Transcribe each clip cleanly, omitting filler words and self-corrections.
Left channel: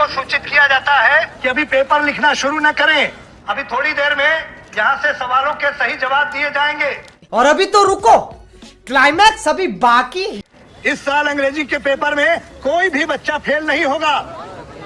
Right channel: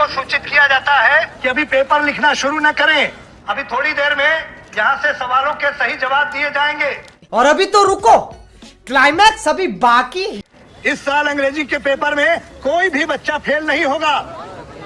को सूचित किया जाता है कि अभी पेपर लिखना शुरू न करें। अभी थोड़ी देर में यहाँ से सवालों के सही जवाब दिए जाएंगे। और अभी तो रुको, क्लाइमैक्स अभी बाकी। इस साल अंग्रेजी के पेपर में कोई भी बच्चा फेल नहीं होगा,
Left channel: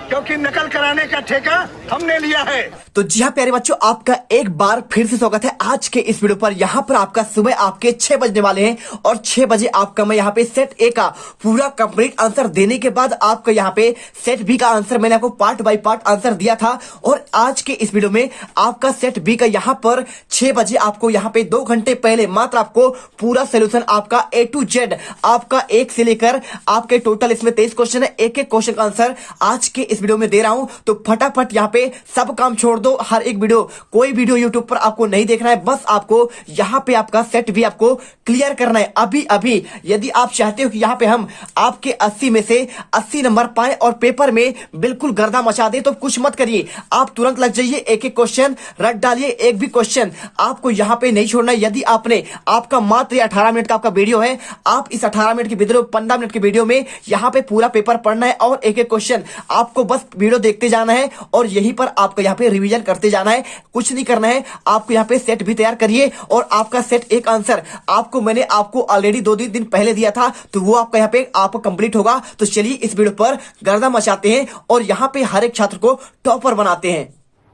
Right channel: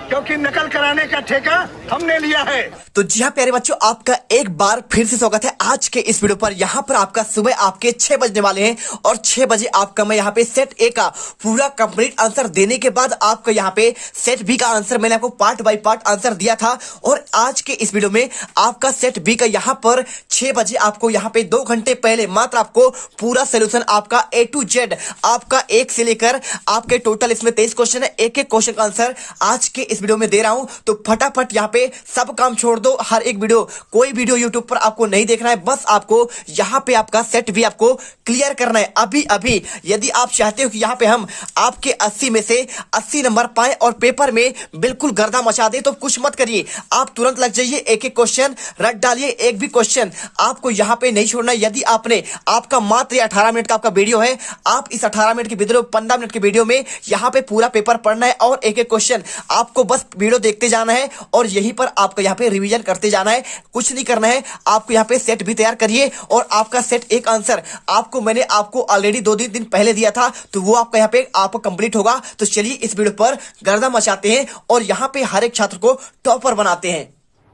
क्योंकि नकल कराने का ठेका हमने लिया है। तो जी हाँ प्यारे बच्चों, आपका एक बार फिर से स्वागत है आज के इस वीडियो पर। यहाँ पर आपका सुबह आपके 6 बजने वाले हैं और 6 बजे आपका मैं यहाँ पे सेट ए का पूरा कंप्लीट आंसर देने के बाद आपका यहाँ पे सेट बी का आंसर मैंने आपको पार्ट बाय पार्ट आंसर दिया था। और आज के इस वीडियो में आपका सेट बी का यहाँ पर 6 बजे आपको यहाँ पे 2 घंटे पहले मात्र आपको पूरा सोल्यूशन आपका A to Z आपका 1 से लेकर आपके टोटल इसमें 23 क्वेश्चन है, एक एक क्वेश्चन का आंसर आज के इस वीडियो में दे रहा हूं। तो फटाफट यहाँ पे सब काम छोड़ दो, हर एक वीडियो, कोई वीडियो यूट्यूब पर आपको नहीं देखना है, बस आपको यहाँ पे आपका सेट भी आपको क्लियर करना है अभी अभी। यदि आप चाहते हो कि यहाँ पे हम आपके 80 में से 80 नंबर पाए और पेपर में बिल्कुल गर्दा मचा दे, तो कुछ मत करिए, आप तुरंत लग जाइए, एक एक क्वेश्चन रख डालिए, एक भी क्वेश्चन आपको यहाँ पे नहीं छोड़ना है। यदि आपने आपका मात्र 18 मिनट का आपका वीडियो है, आप इस 18 मिनट की वीडियो 15 मिनट की वीडियो में यहाँ पे पूरा पेपर पढ़ना है और एक एक क्वेश्चन आपको बस वीडियो देखते जाना है और यहीं पर आपका यहाँ पे रिवीजन करते जाना है, कुछ नहीं करना है। आपको यहाँ पे सेट भी तैयार करिए और आपका सेट एक आंसर आपको मैंने आपको ऑलरेडी 2 दिन पहले दिया था, तो वो आपका यहाँ पे आपको कंप्लीट होगा। तो चलिए इस वीडियो पर गर्दा मचाते हैं और यहाँ पे हर एक छात्र को टॉपर बनाते हैं।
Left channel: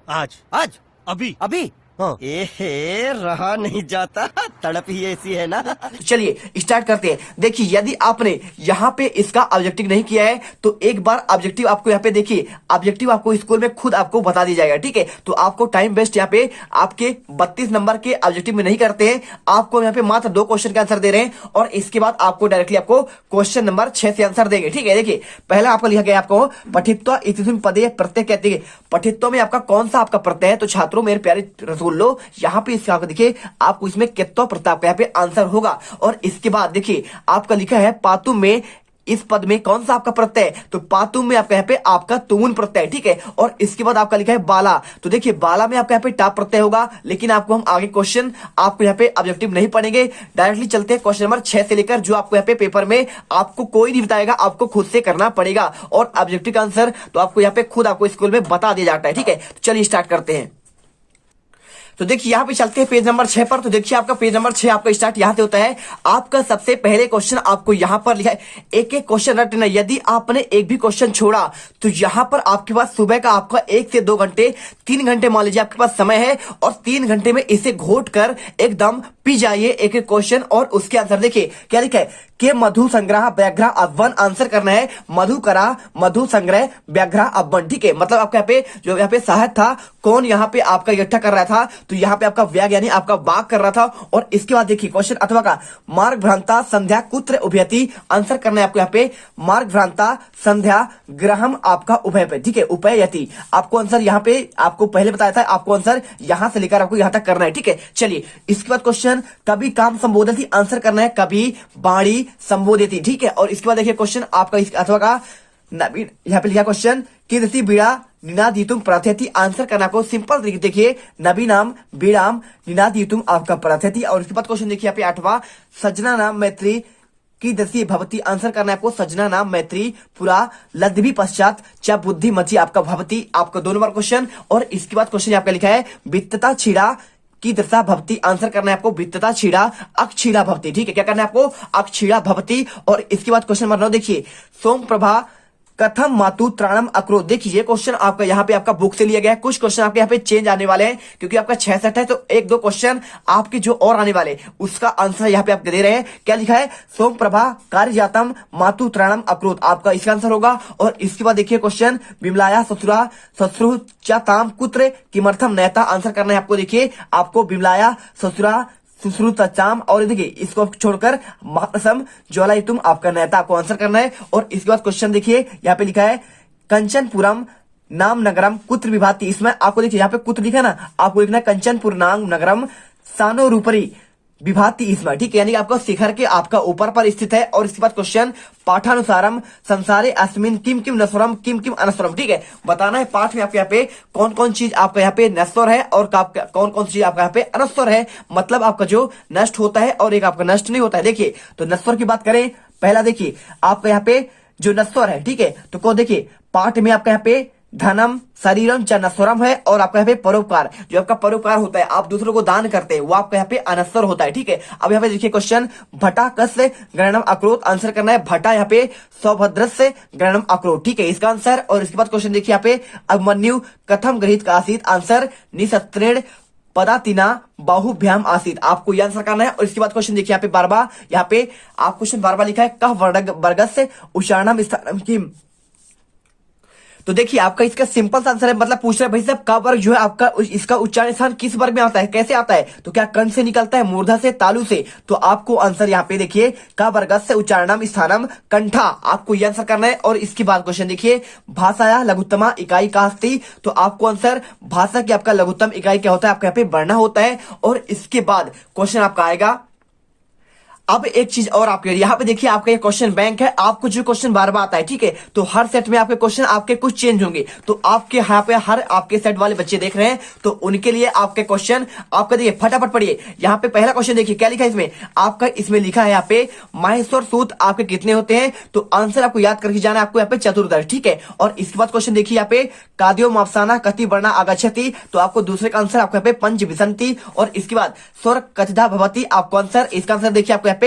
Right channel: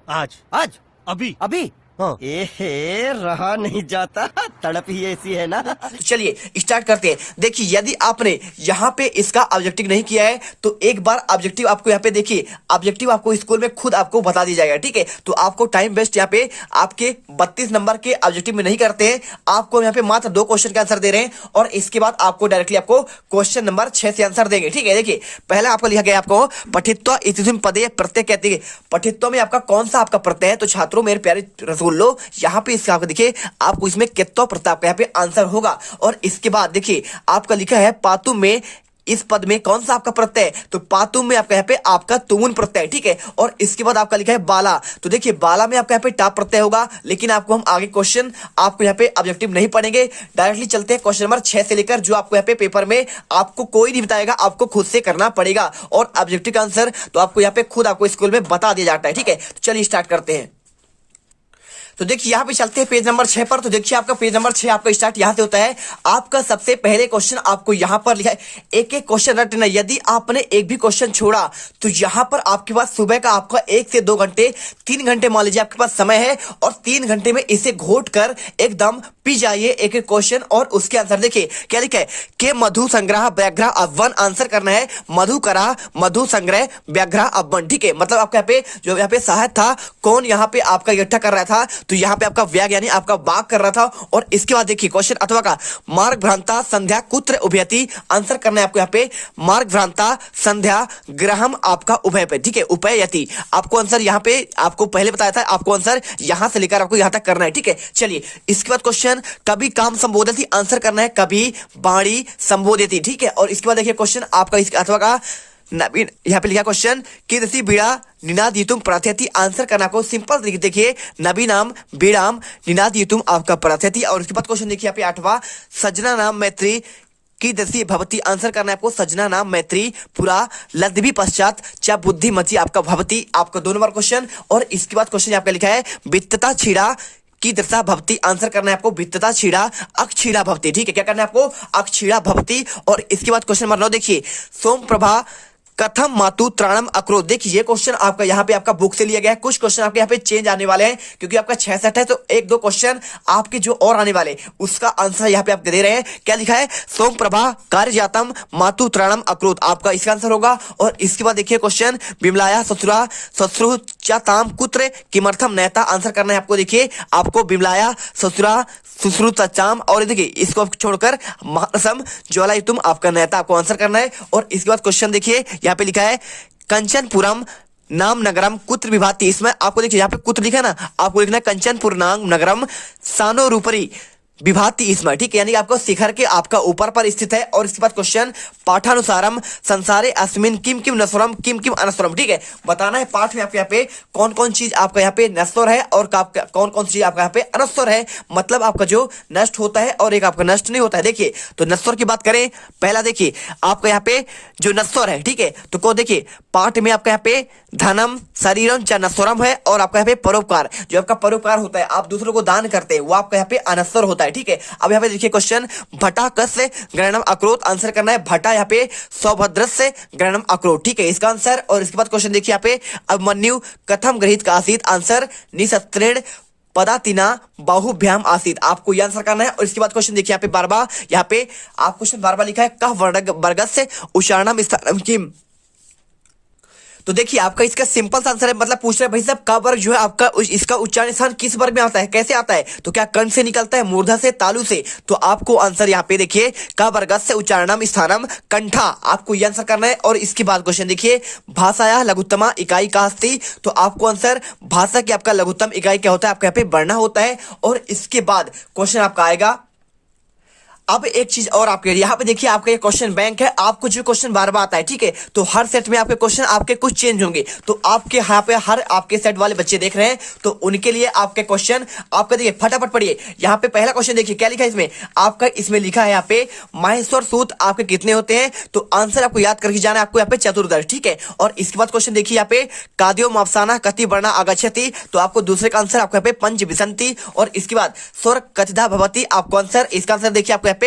आज अभी हाँ। एहे रहा नहीं जाता, तड़प ही ऐसी है ना। चलिए स्टार्ट करते हैं। देखिए यदि आपने यहाँ पे इसका ऑब्जेक्टिव नहीं किया है तो एक बार ऑब्जेक्टिव आपको यहाँ पे देखिए, ऑब्जेक्टिव आपको स्कूल में खुद आपको बता दी जाएगा, ठीक है। तो आपको टाइम वेस्ट यहाँ पे आपके 32 नंबर के ऑब्जेक्टिव में नहीं करते हैं, आपको यहाँ पे मात्र 2 क्वेश्चन का आंसर दे रहे हैं और इसके बाद आपको डायरेक्टली आपको क्वेश्चन नंबर 6 से आंसर देंगे, ठीक है। देखिए पहला आपको लिखा गया आपको पठित्व इतिस्मिन् पदे प्रत्यय कहते हैं। पठित्व में आपका कौन सा आपका प्रत्यय है? तो छात्रों मेरे प्यारे रसूल लो, यहाँ पे इसका देखिए आपको इसमें कित्तो प्रताप का यहाँ पे आंसर होगा। और इसके बाद देखिए आपका लिखा है पातु में, इस पद में कौन सा आपका प्रत्यय है? तो पातु में आपका यहाँ पे आपका तुमुन प्रत्यय, ठीक है। और इसके बाद आपका लिखा है बाला, तो देखिए बाला में आपका यहाँ पे टाप प्रत्यय होगा, लेकिन आपको हम आगे क्वेश्चन आपको यहाँ पे ऑब्जेक्टिव नहीं पढ़ेंगे, डायरेक्टली चलते हैं क्वेश्चन नंबर 6 से लेकर, जो आपको यहाँ पे पेपर में आपको कोई नहीं बताएगा, आपको खुद से करना पड़ेगा। और ऑब्जेक्टिव का आंसर तो आपको यहाँ पे खुद आपको स्कूल में बता दिया जाता है, ठीक है। तो चलिए स्टार्ट करते हैं। तो देखिए यहाँ पे चलते हैं पेज नंबर 6 पर। तो देखिए आपका पेज नंबर 6 आपका स्टार्ट यहाँ से होता है। आपका सबसे पहले क्वेश्चन आपको यहाँ पर लिखा है, एक एक क्वेश्चन रटना। यदि आपने एक भी क्वेश्चन छोड़ा तो यहाँ पर आपके पास सुबह का आपका 1 से 2 घंटे 3 घंटे मान लीजिए आपके पास समय है और 3 घंटे में इसे घोट कर एकदम पी जाइए एक एक क्वेश्चन और उसके आंसर। देखिए क्या लिखा है कि मधु संग्रह व्याघ्र अव्वन, आंसर करना है मधु करा मधु संग्रह व्याघ्र अव्वन, ठीक है। मतलब आपका यहाँ पे जो यहाँ पे सहायक था, कौन यहाँ पे आपका इकट्ठा कर रहा था? तो यहाँ पे आपका व्याग यानी आपका बाग कर रहा था। और इसके बाद देखिए क्वेश्चन अथवा का मार्ग भ्रांता संध्या कुत्र उभयति, आंसर करना है आपको यहाँ पे मार्ग भ्रांता संध्या ग्रहम आपका उभय पे, ठीक है, उभयति। आपको आंसर यहाँ पे आपको पहले बताया था, आपको आंसर यहां से लेकर आपको यहां तक करना है, ठीक है। चलिए इसके बाद क्वेश्चन कभी काम संबोधति, आंसर करना है कभी बाणी संबोधति, ठीक है। और इसके बाद देखिए क्वेश्चन आपका अथवा का नवीन, यहाँ पे लिखा क्वेश्चन कीदृशी बीड़ा निनादितुम प्रथयति, आंसर करना को सिंपल तरीके देखिए नबीनाम बीड़ाम निनादितुम आपका प्रथयति। और इसके बाद क्वेश्चन देखिए यहाँ पे 8वां सजना नाम मैत्री कीदृशी भवति, आंसर करना है आपको सजना नाम मैत्री पूरा लद्भी पश्चात च बुद्धि मति आपका भवति, आपका 2 नंबर क्वेश्चन। और इसके बाद क्वेश्चन आपका लिखा है वित्तता छीड़ा की दृष्टा भवती, आंसर करना है आपको वित्तता छीड़ा अक्षीड़ा भवती, ठीक है। क्या करना है आपको? अक्षीड़ा भवती। और इसके बाद क्वेश्चन नंबर 9 देखिए सोम प्रभा कथम मातु त्राणम अक्रोध, देखिए ये क्वेश्चन आपका यहाँ पे आपका बुक से लिया गया है। कुछ क्वेश्चन आपके यहाँ पे चेंज आने वाले हैं क्योंकि आपका 6 सेट है, तो 1-2 क्वेश्चन आपके जो और आने वाले उसका आंसर यहाँ पे आप दे रहे हैं। क्या लिखा है? सोम प्रभा कार्य जातम मातु त्राणम अक्रोध, आपका इसका आंसर होगा। और इसके बाद देखिए क्वेश्चन बिमलाया ससुरा ससुरु चाताम कुत्र किमर्थम नैता, आंसर करना है आपको देखिए आपको बिमलाया ससुरा सुश्रुत चाम। और देखिए इसको छोड़कर महासम ज्वाला तुम आपका नेता आपको आंसर करना है। और इसके बाद क्वेश्चन देखिए यहाँ पे लिखा है कंचनपुरम नाम नगरम कुत्र विभाति, इसमें आपको देखिए यहाँ पे कुत्र लिखा है ना, आपको लिखना है कंचनपुर नाम नगरम सानो रूपरी विभाति इसमें, ठीक है, यानी कि आपको शिखर के आपका ऊपर पर स्थित है। और इसके बाद क्वेश्चन पाठानुसारम संसारे अस्मिन किम किम नश्वरम किम किम अनश्वरम, ठीक है, बताना है पाठ में आपके यहाँ पे कौन कौन चीज आपका यहाँ पे नश्वर है और कौन कौन चीज आपका यहाँ पे अनश्वर है, मतलब आपका जो नष्ट होता है और एक आपका नष्ट नहीं होता है। देखिए तो नश्वर की बात करें, पहला देखिए आपका यहाँ पे जो नश्वर है, ठीक है, तो को देखिए पाठ में आपका यहाँ पे धनम शरीरम च नश्वरम है। और आपका यहाँ पे परोपकार, जो आपका परोपकार होता है, आप दूसरों को दान करते हैं, वो आपका यहाँ पे अनश्वर होता है, ठीक है। अब यहाँ पे देखिए क्वेश्चन भटा कस्य ग्रहणम अक्रोध, आंसर करना है भटा यहाँ पे सौभद्रस्य ग्रहणम अक्रोध, ठीक है, इसका आंसर। और इसके बाद क्वेश्चन देखिए यहाँ पे अभिमन्यु कथम गृहीत का आसीत, आंसर निशस्त्रेण पदातिना बाहुभ्याम आसीत, आपको ये आंसर करना है। और इसके बाद क्वेश्चन देखिए यहाँ पे बारबा, यहाँ पे आप क्वेश्चन बारबा लिखा है कह वर्गस्य उच्चारणम स्थानम किम, तो देखिए आपका इसका सिंपल आंसर है, मतलब पूछ रहे हैं भाई साहब का वर्ग जो है आपका इसका उच्चारण स्थान किस वर्ग में आता है, कैसे आता है, तो क्या कंठ से निकलता है, मूर्धा से, तालु से, तो आपको आंसर यहाँ पे देखिए का वर्ग से उच्चारणम स्थानम कंठा, आपको ये आंसर करना है। और इसके बाद क्वेश्चन देखिए भाषाया लघुत्तमा इकाई का अस्ति, तो आपको आंसर भाषा की आपका लघुत्तम इकाई क्या होता है, आपका यहाँ पे बढ़ना होता है। और इसके बाद क्वेश्चन आपका आएगा, अब एक चीज और आपके यहाँ पे देखिए आपका ये क्वेश्चन बैंक है, आपको जो क्वेश्चन बार बार आता है, ठीक है, तो हर सेट में आपके क्वेश्चन आपके कुछ चेंज होंगे, तो आपके यहाँ पे हर आपके सेट वाले बच्चे देख रहे हैं, तो उनके लिए आपके क्वेश्चन आपका देखिए फटाफट पढ़िए। यहाँ पे पहला क्वेश्चन देखिए क्या लिखा है इसमें, आपका इसमें लिखा है यहाँ पे माहेश्वर सूत आपके कितने होते हैं, तो आंसर आपको याद करके जाना है, आपको यहाँ पे चतुर्दश, ठीक है। और इसके बाद क्वेश्चन देखिए यहाँ पे काद्यो मापसाना कति वर्णा आगच्छति, तो आपको दूसरे का आंसर आपको यहाँ पे पंच विसंति। और इसके बाद स्वर कथिता भवती, आपको आंसर, इसका आंसर देखिए आपको यहाँ पे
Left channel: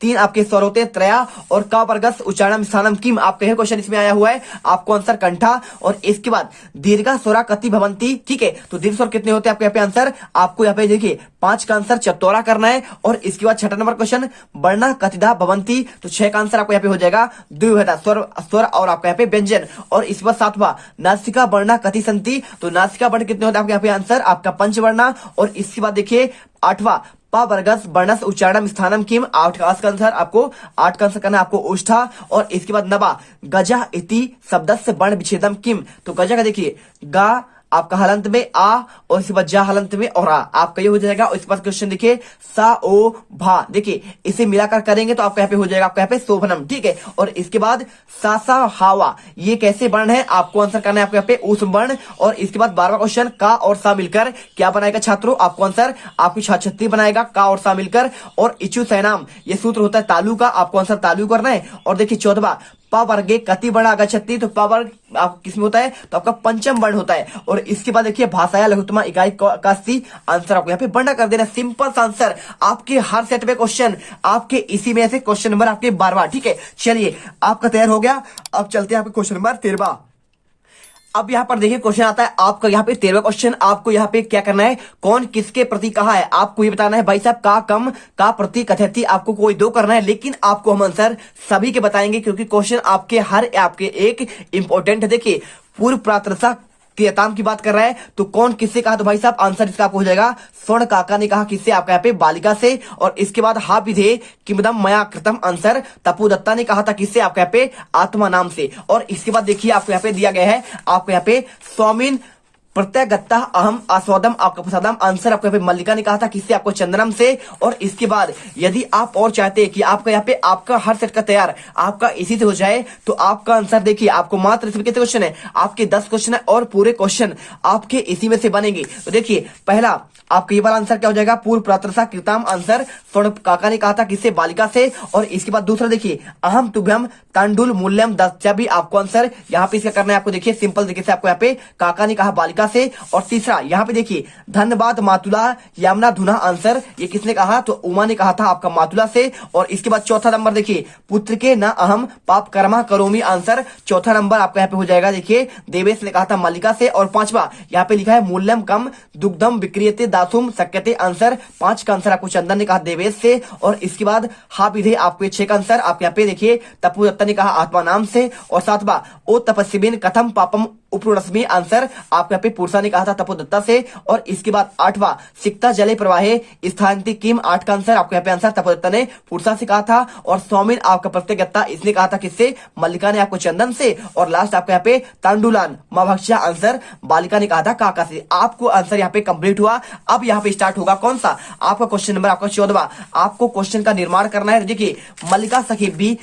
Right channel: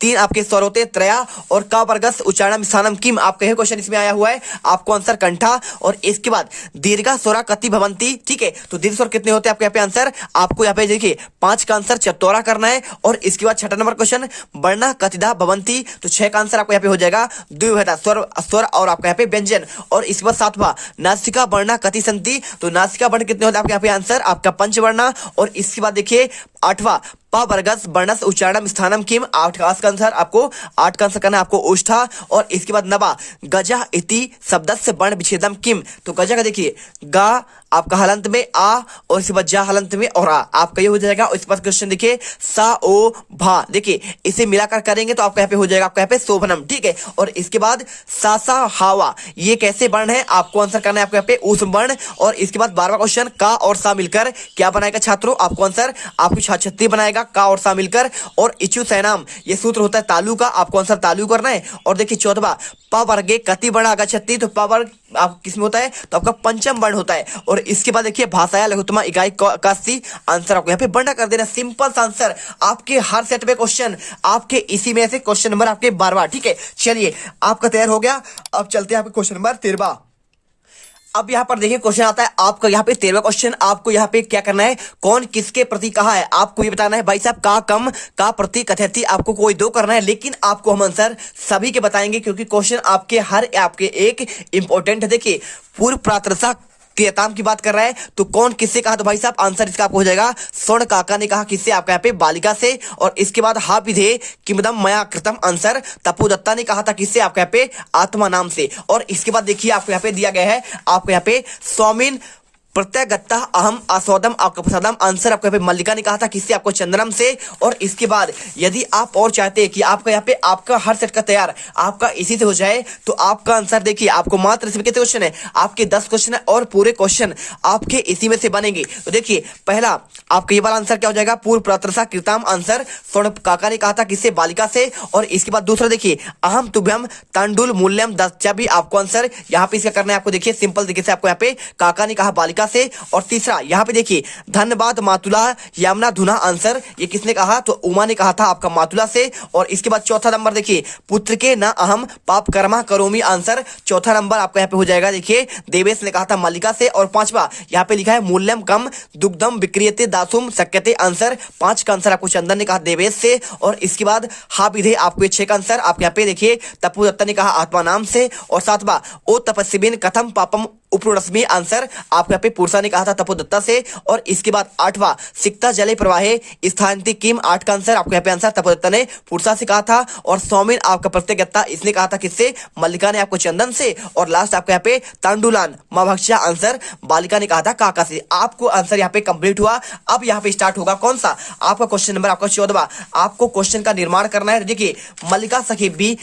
तीन आपके स्वर होते हैं त्रया। और का वर्गस उच्चारणम स्थानम किम, आपके है क्वेश्चन इसमें आया हुआ है, आपको आंसर कंठा। और इसके बाद दीर्घा स्वरा कति भवंती, ठीक है, तो दीर्घ स्वर कितने होते हैं आपके यहाँ पे आंसर, आपको यहाँ पे देखिए 5 का आंसर चतौरा करना है। और इसके बाद छठा नंबर क्वेश्चन वर्णा कतिधा भवंती, तो 6 का आंसर आपको यहाँ पे हो जाएगा द्विविधा स्वर और आपका यहाँ पे व्यंजन। और इसके बाद 7वां नासिका वर्णा कति संति, तो नासिका वर्ण कितने होते हैं आपके यहाँ पे आंसर आपका पंचवर्णा। और इसके बाद देखिए 8वां पा वर्गस वर्णस उच्चारणम स्थानम किम, 8 का आंसर आपको 8 का आंसर करना है आपको उष्ठा। और इसके बाद 9वां गजा इति शब्दस्य वर्ण विच्छेदम किम, तो गजा का देखिए गा आपका हलंत में आ और इसके बाद जा हलंत में और आ, आपका ये हो जाएगा। और इसके बाद क्वेश्चन देखिए सा ओ भा, देखिए इसे मिलाकर करेंगे तो आपका यहाँ पे हो जाएगा आपका यहाँ पे शोभनम, ठीक है। और इसके बाद सासा हावा, ये कैसे वर्ण है, आपको आंसर करना है आपको यहाँ पे ऊष्म वर्ण। और इसके बाद 12वां क्वेश्चन का और सा मिलकर क्या बनाएगा छात्रों, आपको आंसर आपकी छाछत्ती बनाएगा का और सा मिलकर। और इचु सैनाम, ये सूत्र होता है तालु का, आपको आंसर तालु करना है। और देखिए 14वां प वर्गे कति वर्ण आगच्छति, तो प वर्ग आप किसमें होता है, तो आपका पंचम वर्ण होता है। और इसके बाद देखिए भाषाया लघुत्तमा इकाई का अस्ति, आंसर आपको यहाँ पे वर्ण कर देना, सिंपल आंसर। आपके हर सेट में क्वेश्चन आपके इसी में से क्वेश्चन नंबर आपके 12वां, ठीक है। चलिए आपका तैयार हो गया, अब चलते हैं आपके क्वेश्चन नंबर 13वां। अब यहाँ पर देखिए क्वेश्चन आता है आपका यहाँ पे 13वां क्वेश्चन, आपको यहाँ पे क्या करना है, कौन किसके प्रति कहा है, आपको ये बताना है भाई साहब का कम का प्रति कथयति, आपको कोई 2 करना है, लेकिन आपको हम आंसर सभी के बताएंगे क्योंकि क्वेश्चन आपके हर आपके एक इंपॉर्टेंट है। देखिए पूर्व प्रातरसा क्रियाताम की बात कर रहा है, तो कौन किससे कहा, तो भाई साहब आंसर इसका आपको हो जाएगा स्वर्ण काका ने कहा किससे, आपका यहाँ पे बालिका से। और इसके बाद हा विधे किमदम मया कृतम, आंसर तपु दत्ता ने कहा था किससे, आपका यहाँ पे आत्मा नाम से। और इसके बाद देखिए आपको यहाँ पे दिया गया है, आपको यहाँ पे स्वामीन प्रत्यगत्ता अहम आस्वादम आपका प्रसादम, आंसर आपको यहाँ पे मल्लिका ने कहा था किससे, आपको चंद्रम से। और इसके बाद यदि आप और चाहते हैं कि आपका यहाँ पे आपका हर सेट का तैयार आपका इसी से हो जाए, तो आपका आंसर देखिए आपको मात्र इसमें कितने क्वेश्चन है, आपके 10 क्वेश्चन है और पूरे क्वेश्चन आपके इसी में से बनेंगे। तो देखिए पहला आपका ये वाला आंसर क्या हो जाएगा, पूर्व प्रातरसा कृताम, आंसर स्वर्ण काका ने कहा था किससे, बालिका से। और इसके बाद दूसरा देखिए अहम तुभ्यम तांडुल मूल्यम दच्चा, भी आपको आंसर यहाँ पे इसका करना है, आपको देखिए सिंपल तरीके से आपको यहाँ पे काका ने कहा बालिका से। और तीसरा यहाँ पे देखिए धन्यवाद मातुला यमुना धुना, आंसर ये किसने कहा, तो उमा ने कहा था आपका मातुला से। और इसके बाद चौथा नंबर देखिए पुत्र के न अहम पाप कर्मा करोमी, आंसर चौथा नंबर आपका यहाँ पे हो जाएगा देखिए देवेश ने कहा था मल्लिका से। और 5वां यहाँ पे लिखा है मूल्यम कम दुग्धम विक्रियते दासुम शक्यते, आंसर 5 का आंसर आपको चंदन ने कहा देवेश से। और इसके बाद हा विधे आपको 6 का आंसर आप यहाँ पे देखिए तपु दत्ता ने कहा आत्मा नाम से। और 7वां ओ तपस्विन कथम पापम उपरुणस्मी, आंसर आपको यहाँ पे पे पुरुषा ने कहा था तपोदत्ता से। और इसके बाद 8वां सिक्ता जले प्रवाहे स्थानति किम, 8 का आंसर आपको यहाँ पे आंसर तपोदत्ता ने पुरुषा से कहा था। और सौमिन आपका प्रत्यगत्ता इसने कहा था किससे, मल्लिका ने आपको चंदन से। और लास्ट आपको यहाँ पे तांडुलान माभक्षा आंसर बालिका ने कहा था काका से। आपको आंसर यहाँ पे कंप्लीट हुआ। अब यहाँ पे स्टार्ट होगा कौन सा, आपका क्वेश्चन नंबर आपका 14वां। आपको क्वेश्चन का निर्माण करना है। देखिए मल्लिका सखी बी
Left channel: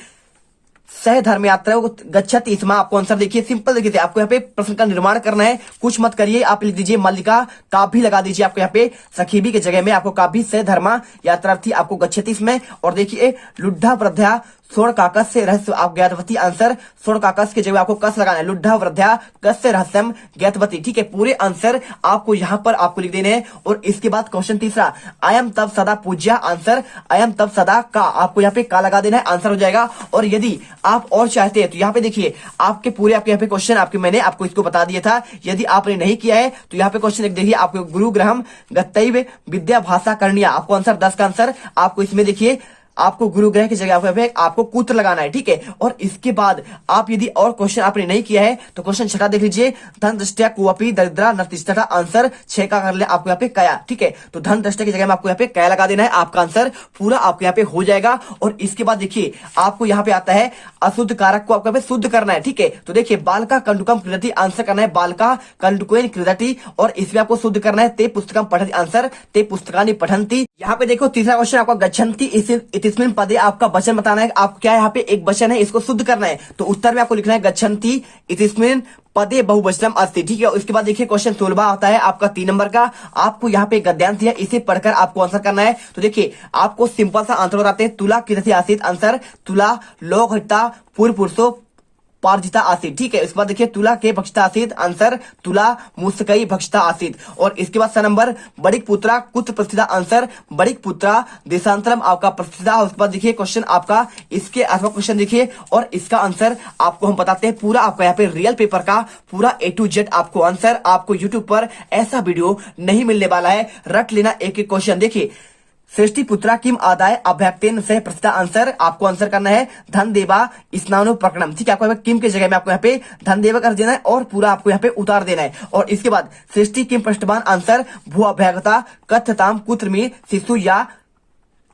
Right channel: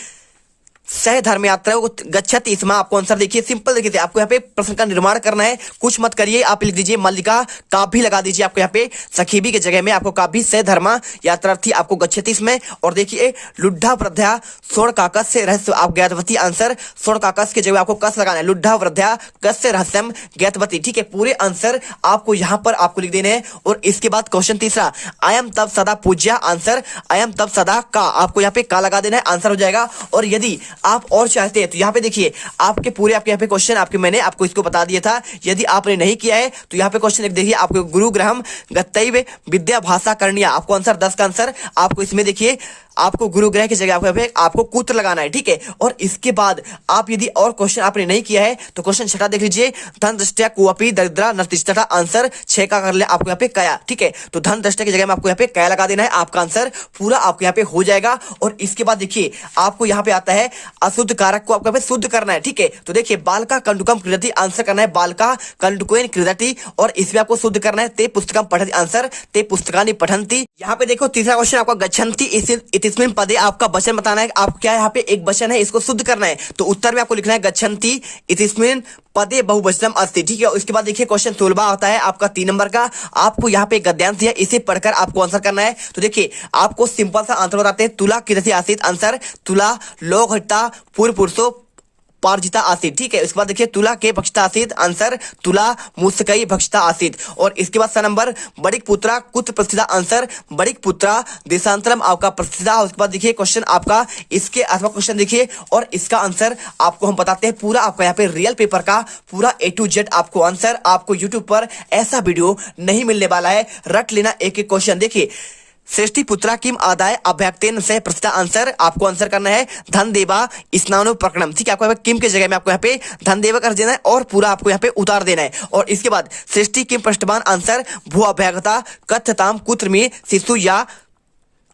सह धर्म यात्रा गच्छति, इसमें आपको आंसर देखिए सिंपल। देखिए आपको यहाँ पे प्रश्न का निर्माण करना है, कुछ मत करिए, आप लिख दीजिए मल्लिका काभी लगा दीजिए आपको यहाँ पे सखीबी के जगह में आपको काभी सह धर्मा यात्रार्थी आपको गच्छति इसमें। और देखिए लुड्ढा वृद्धा स्वर्ण काकस से रहस्य आप ज्ञातवती, आंसर स्वर्ण काकस की जगह आपको कस लगाना है, लुड्ढा वृद्धा कस से रहस्यम ज्ञातवती। ठीक है, पूरे आंसर आपको यहाँ पर आपको लिख देने हैं। और इसके बाद क्वेश्चन तीसरा, अयम तब सदा पूज्य, आंसर अयम तब सदा का आपको यहाँ पे का लगा देना है, आंसर हो जाएगा। और यदि आप और चाहते हैं तो यहाँ पे देखिए आपके पूरे आपके यहाँ पे क्वेश्चन आपके मैंने आपको इसको बता दिया था। यदि आपने नहीं किया है तो यहाँ पे क्वेश्चन देखिए आपको गुरु ग्रहम गतैव विद्या भाषा करनिया, आपको आंसर 10 का आंसर आपको इसमें देखिए आपको गुरु ग्रह की जगह पे आपको कुत्र लगाना है। ठीक है, और इसके बाद आप यदि और क्वेश्चन आपने नहीं किया है तो क्वेश्चन 6 देख लीजिए, धन दृष्टया कुअपी दरिद्रा नतिष्ठता, आंसर 6 का कर ले आपको यहाँ पे कया। ठीक है, तो धन दृष्टया की जगह में आपको यहाँ पे कया लगा देना है, आपका आंसर पूरा आपको यहाँ पे हो जाएगा। और इसके बाद देखिए आपको यहाँ पे आता है अशुद्ध कारक को आपको यहाँ पे शुद्ध करना है। ठीक है, तो देखिए बालका कंडुकम क्रीडति, आंसर करना है बालका कंडुकेन क्रीडति। और इसमें आपको शुद्ध करना है ते पुस्तकम पठति, आंसर ते पुस्तकानि पठन्ति। यहाँ पे देखो तीसरा क्वेश्चन आपका गच्छन्ति इतिस्मिन् पदे, आपका वचन बताना है, आप क्या यहाँ पे एक वचन है इसको शुद्ध करना है। तो उत्तर में आपको लिखना है गच्छन्ति इतिस्मिन् पदे बहुवचनम अस्ति। ठीक है, उसके बाद देखिए क्वेश्चन 16 आता है आपका 3 नंबर का। आपको यहाँ पे गद्यांश दिया, इसे पढ़कर आपको आंसर करना है। तो देखिए आपको सिंपल सा आंसर बताते हैं, तुला किरति आसित, आंसर तुला लोक हट्टा पूर्व पुरुषो पार्जिता आसित। ठीक है, इसके बाद देखिए तुला के भक्षता आसित, आंसर तुला मुस्कई भक्षता आसित। और इसके बाद 6 नंबर बड़िक पुत्रा कुत्र प्रस्थिता, आंसर बड़िक पुत्रा देशांतरम आपका प्रस्थिता। उसके बाद देखिए क्वेश्चन आपका इसके अथवा क्वेश्चन देखिए और इसका आंसर आपको हम बताते हैं पूरा आपको यहाँ पे रियल पेपर का पूरा A to Z आपको आंसर आपको यूट्यूब पर ऐसा वीडियो नहीं मिलने वाला है, रट लेना एक एक क्वेश्चन। देखिए श्रेष्ठी पुत्रा किम आदाय अभ्यक्तेन से प्रस्थिता, आंसर आपको आंसर करना है धन देवा स्नानो प्रकरणम। ठीक है, आपको यहाँ पे किम के जगह में आपको यहाँ पे धन देवा कर देना है और पूरा आपको यहाँ पे उतार देना है। और इसके बाद श्रेष्ठी किम पृष्ठबान, आंसर भू अभ्यागता कथ्यताम कुत्र में शिशु या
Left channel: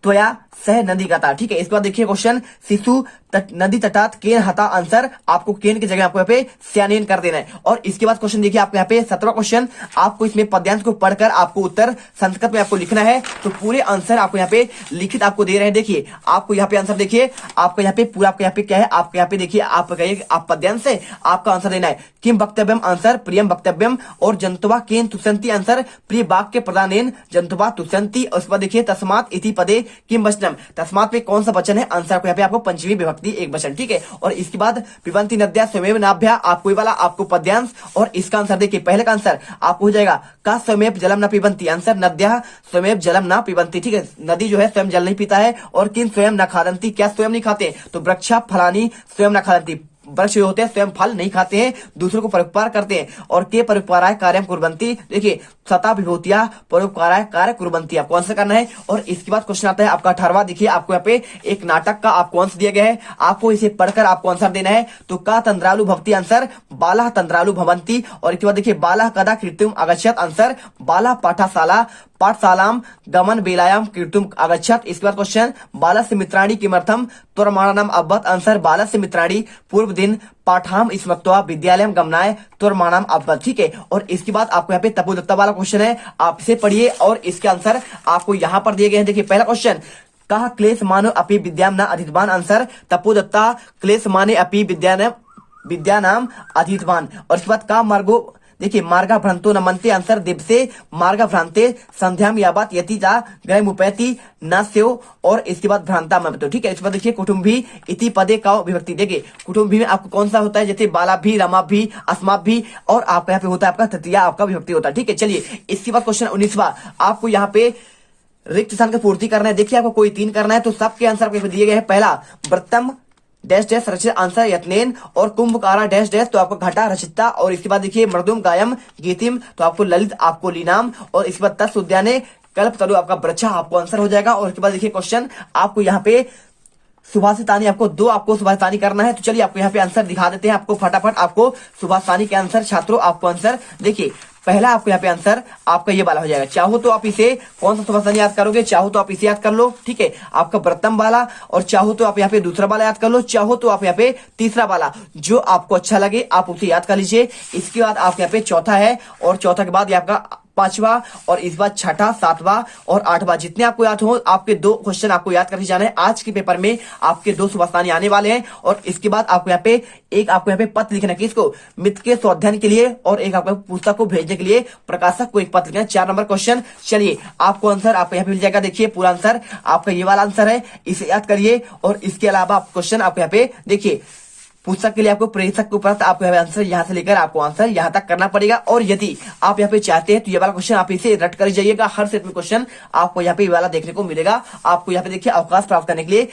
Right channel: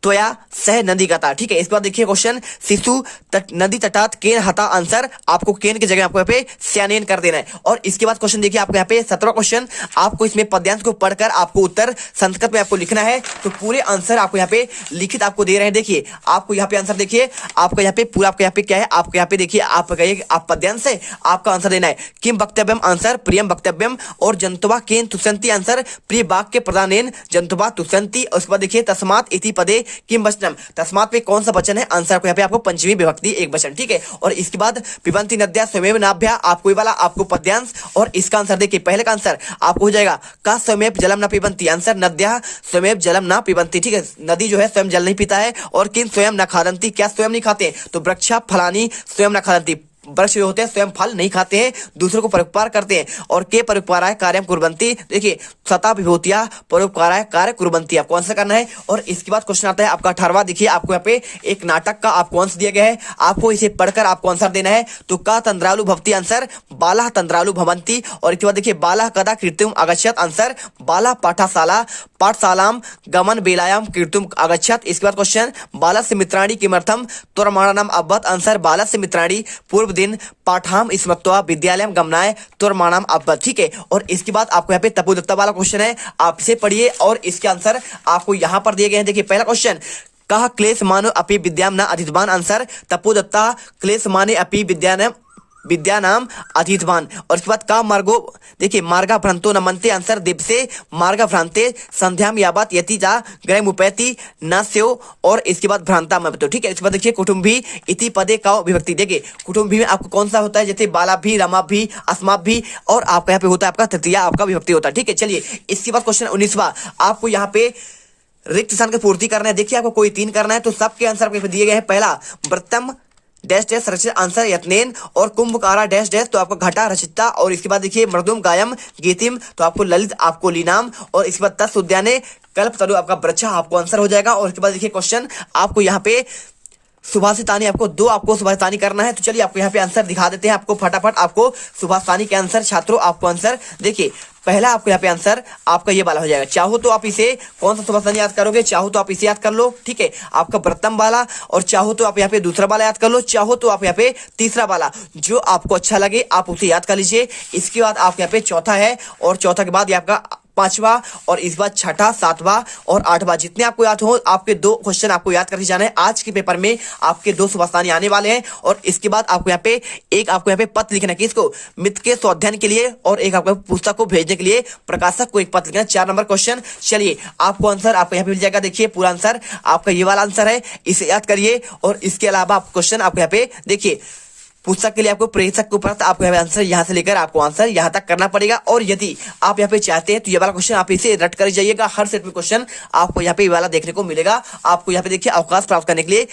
त्वया सह नदी गता। ठीक है, इस बार देखिए क्वेश्चन शिशु नदी तटात केन हता, आंसर आपको केन की जगह आपको यहाँ पे स्यानेन कर देना है। और इसके बाद क्वेश्चन देखिए आपको यहाँ पे 17वां क्वेश्चन, आपको इसमें पद्यांश को पढ़कर आपको उत्तर संस्कृत में आपको लिखना है। तो पूरे आंसर आपको यहाँ पे लिखित आपको दे रहे हैं। देखिए आपको यहाँ पे आंसर देखिए आपको यहाँ पे पूरा आपको यहाँ पे क्या है, आपको यहाँ पे देखिए आप कहिए आप पद्यांश से आपका आंसर देना है। किम वक्तव्यम, आंसर प्रियम वक्तव्यम। और जंतुवा केन तुष्यंति, आंसर प्रिय वाक्य प्रदानेन जंतुवा तुष्यंति। उसके बाद देखिए तस्मात इति पदे किम वचनम, तस्मात पे कौन सा वचन है, आंसर को यहाँ पे आपको पंचमी विभक्ति एक वचन। ठीक है, और इसके बाद पिबंती नद्या स्वयं नाभ्या, आपको ये वाला आपको पद्यांश। और इसका आंसर देखिए पहले का आंसर आपको हो जाएगा का स्वयं जलम न पिबंती, आंसर नद्या स्वयं जलम न पिबंती। ठीक है, नदी जो है स्वयं जल नहीं पीता है। और किन स्वयं न खादंती, क्या स्वयं नहीं खाते, तो वृक्षा फलानी स्वयं न खादंती, वृक्ष जो होते हैं स्वयं फल नहीं खाते हैं, दूसरों को परोपकार करते हैं। और के परोपकाराय कार्यम कुर्वन्ति, देखिए सता विभूतिया परोपकाराय कार्य कुर्वन्ति, आपको आंसर करना है। और इसके बाद क्वेश्चन आता है आपका 18वां। देखिए आपको यहाँ पे एक नाटक का आपको आंसर दिया गया है, आपको इसे पढ़कर आपको आंसर देना है। तो का तंद्रालु भवती, आंसर बाला तंद्रालु भवंती। और इसके बाद देखिए बाला कदा कीर्तिम आगच्छत, आंसर बाला पाठशालाम गमन बेलायाम कीर्तिम आगच्छत। इसके बाद क्वेश्चन बाला से मित्राणी किमर्थम तुरमाणम अब्बत, आंसर बाला से मित्राणी पूर्व दिन पाठाम स्मृत्वा विद्यालयम गमनाय तुरमाणम अब्बत। ठीक है, और इसके बाद आपको यहाँ पे तपोदत्ता वाला क्वेश्चन है, आप इसे पढ़िए और इसके आंसर आपको यहाँ पर दिए गए हैं। देखिए पहला क्वेश्चन, कहा क्लेश मानो अपि विद्याम न अधितवान, आंसर तपोदत्ता क्लेश माने अपि विद्या नाम अधीतवान। और इसके बाद का मार्गो, देखिए मार्गा भ्रांतो न मनते, आंसर दिवसे मार्गा भ्रांते संध्याम यावत यति जा ग्रह मुपैति न स्यो। और इसके बाद भ्रांता मतो। ठीक है, इसके बाद देखिए कुटुंबी इति पदे का विभक्ति, देखिए कुटुंबी में आपको कौन सा होता है, जैसे बाला भी रमा भी अस्मा भी, और आपका यहाँ पे होता है आपका तृतीय आपका विभक्ति होता है। ठीक है, चलिए इसके बाद क्वेश्चन 19वां, आपको यहाँ पे रिक्त स्थान की पूर्ति करना है। देखिए आपको कोई 3 करना है तो सबके आंसर दिए गए हैं। पहला वृत्तम डैश डैश रचित, आंसर यत्नेन। और कुंभकारा डैश डैश, तो आपको घटा रचिता। और इसके बाद देखिए मृदुम गायम गीतिम, तो आपको ललित आपको लीनाम। और इसके बाद तस् उद्याने कल्प तरु आपका वृक्षा, आपको आंसर हो जाएगा। और इसके बाद देखिए क्वेश्चन आपको यहाँ पे सुभाषितानी, आपको 2 आपको सुभाषितानी करना है। तो चलिए आपको यहाँ पे आंसर दिखा देते हैं आपको फटाफट। आपको सुभाषितानी के आंसर छात्रों आपको आंसर देखिए पहला आपको यहाँ पे आंसर आपका ये वाला हो जाएगा। चाहो तो आप इसे कौन सा सुबह याद करोगे, चाहो तो आप इसे याद कर लो, ठीक है, आपका प्रथम वाला, और चाहो तो आप यहाँ पे दूसरा वाला याद कर लो, चाहो तो आप यहाँ पे तीसरा वाला, जो आपको अच्छा लगे आप उसे याद कर लीजिए। इसके बाद आप यहाँ पे चौथा है, और चौथा के बाद ये आपका पांचवा, और इस बार छठा, सातवां और आठवां, जितने आपको याद हो आपके 2 क्वेश्चन आपको याद करके जाना है। आज के पेपर में आपके 2 सुबह आने वाले हैं, और इसके बाद आपको यहाँ पे एक आपको यहाँ पे पत्र लिखना है, किसको, मित्र के स्वाध्ययन के लिए, और एक आपको पुस्तक को भेजने के लिए प्रकाशक को एक पत्र लिखना है। 4 नंबर क्वेश्चन। चलिए आपको आंसर आपको यहाँ पे मिल जाएगा। देखिए पूरा आंसर आपका ये वाला आंसर है, इसे याद करिए। और इसके अलावा क्वेश्चन आपको यहाँ पे देखिए, पुस्तक के लिए आपको प्रेषक के उपरांत आपको आंसर यहां से लेकर आपको आंसर यहां तक करना पड़ेगा। और यदि आप यहाँ पे चाहते हैं तो ये वाला क्वेश्चन आप इसे रट कर जाइएगा। हर सेट में क्वेश्चन आपको यहाँ पे ये वाला देखने को मिलेगा। आपको यहाँ पे देखिए अवकाश प्राप्त करने के लिए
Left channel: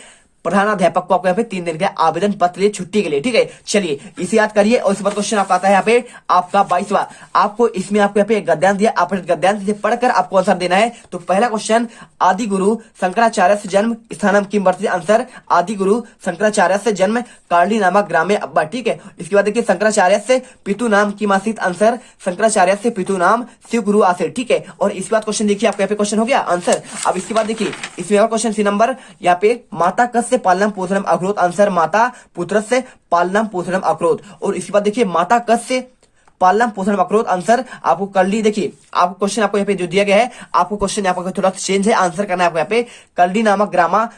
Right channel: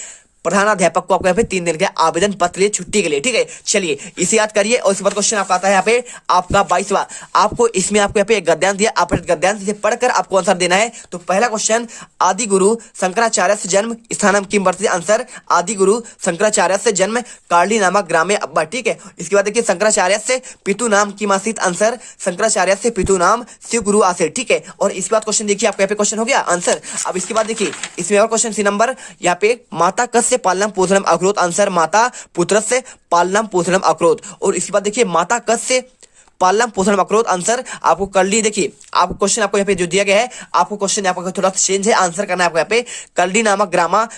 प्रधानाध्यापक को आपको यहाँ पे 3 दिन के आवेदन पत्र लिए छुट्टी के लिए, ठीक है। चलिए इसे याद करिए। और इसके बाद क्वेश्चन आपका आता है यहाँ पे आपका 22वां। आपको इसमें आपको यहाँ पे एक गद्यांश दिया, आप गद्यांश से पढ़कर आपको आंसर देना है। तो पहला क्वेश्चन, आदि गुरु शंकराचार्य से जन्म स्थानम किम वर्तते। आंसर, आदि गुरु शंकराचार्य से जन्म कार्ली नामक ग्रामे अब्बा, ठीक है। इसके बाद देखिए शंकराचार्य से पितु नाम किम आसीत। आंसर, शंकराचार्य से पितु नाम शिव गुरु आसीत, ठीक है। और इसके बाद क्वेश्चन देखिए आपको यहाँ पे क्वेश्चन हो गया आंसर। अब इसके बाद देखिए इसमें क्वेश्चन सी नंबर यहाँ पे, माता कस्य पालनम पोषणम अक्रोध। आंसर, माता पुत्र से पालनम पोषणम अक्रोध। और इसके बाद देखिए माता कस्य पालनम पोषणम अक्रोध। आंसर आपको कल्ली, देखिए आपको क्वेश्चन आपको यहाँ पे जो दिया गया है, आपको क्वेश्चन आपको थोड़ा चेंज है, आंसर करना है आपको यहाँ पे कल्ली नामक ग्रामा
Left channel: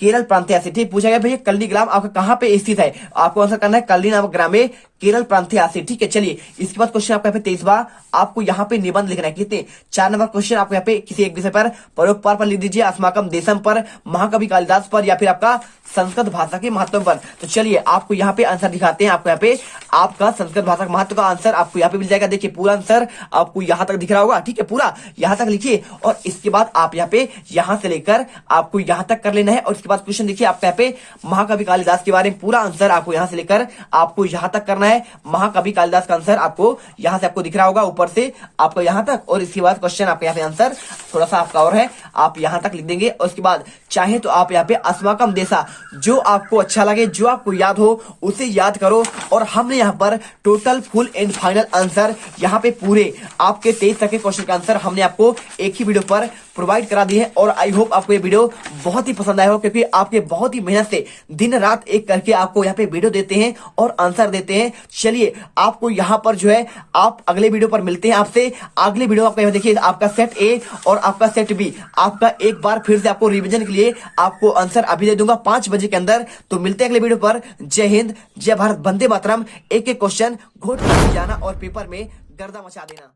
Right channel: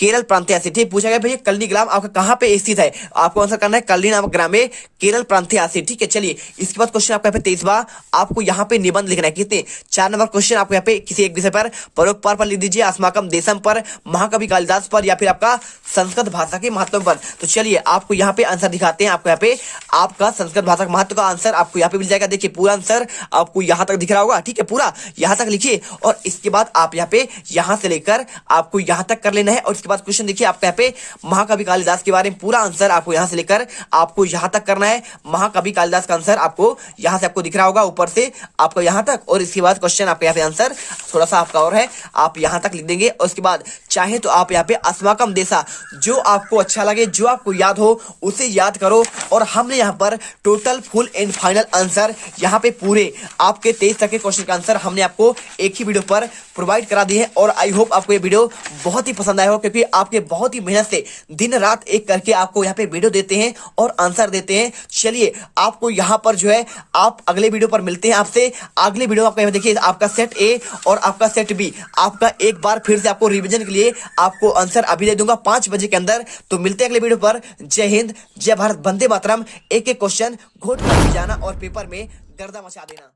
केरल प्रांतीय आसी, ठीक। पूछा गया भैया कल्ली ग्राम आपका कहां पे स्थित है, आपको आंसर करना है कल्ली नामक ग्राम में केरल प्रांतीय आसी, ठीक है। चलिए इसके बाद क्वेश्चन आपका 23वां, आपको यहाँ पे निबंध लिखना है। कितने 4 नंबर क्वेश्चन आपको यहाँ पे किसी एक विषय पर परोपकार पर लिख दीजिए, अस्माकम देशम पर, महाकवि कालिदास पर, या फिर आपका संस्कृत भाषा के महत्व पर। तो चलिए आपको यहाँ पे आंसर दिखाते हैं। आपको यहाँ पे आपका संस्कृत भाषा के महत्व का आंसर आपको यहाँ पे मिल जाएगा। देखिए पूरा आंसर आपको यहाँ तक दिख रहा होगा, ठीक है, पूरा यहाँ तक लिखिए। और इसके बाद आप यहाँ पे यहाँ से लेकर आपको यहाँ तक कर लेना है। और इसके बाद क्वेश्चन देखिए आपको यहाँ पे महाकवि कालिदास के बारे में पूरा आंसर आपको यहाँ से लेकर आपको यहाँ तक करना है। महाकवि कालिदास का आंसर आपको यहाँ से आपको दिख रहा होगा ऊपर से आपको यहाँ तक। और इसके बाद क्वेश्चन आपके यहाँ पे आंसर थोड़ा सा आपका और है, आप यहाँ तक लिख देंगे। और उसके बाद चाहे तो आप यहाँ पे अस्माकम देशा, जो आपको अच्छा लगे, जो आपको याद हो उसे याद करो। और हमने यहाँ पर total full and final answer यहाँ पे पूरे आपके 23 तक के क्वेश्चन का आंसर हमने आपको एक ही वीडियो पर प्रोवाइड करा दी है। और आई होप आपको ये वीडियो बहुत ही पसंद आया हो, क्योंकि आपके बहुत ही मेहनत से दिन रात एक करके आपको यहाँ पे वीडियो देते हैं और आंसर देते हैं। चलिए आपको यहाँ पर जो है आप अगले वीडियो पर मिलते हैं आपसे। अगले वीडियो आपका देखिए आपका सेट ए और आपका सेट बी आपका एक बार फिर से आपको रिवीजन के लिए आपको आंसर अभी दे दूंगा 5 बजे के अंदर। तो मिलते हैं अगले वीडियो पर। जय हिंद, जय भारत, वंदे मातरम। एक एक क्वेश्चन घोट कर जाना और पेपर में गर्दा मचा देना।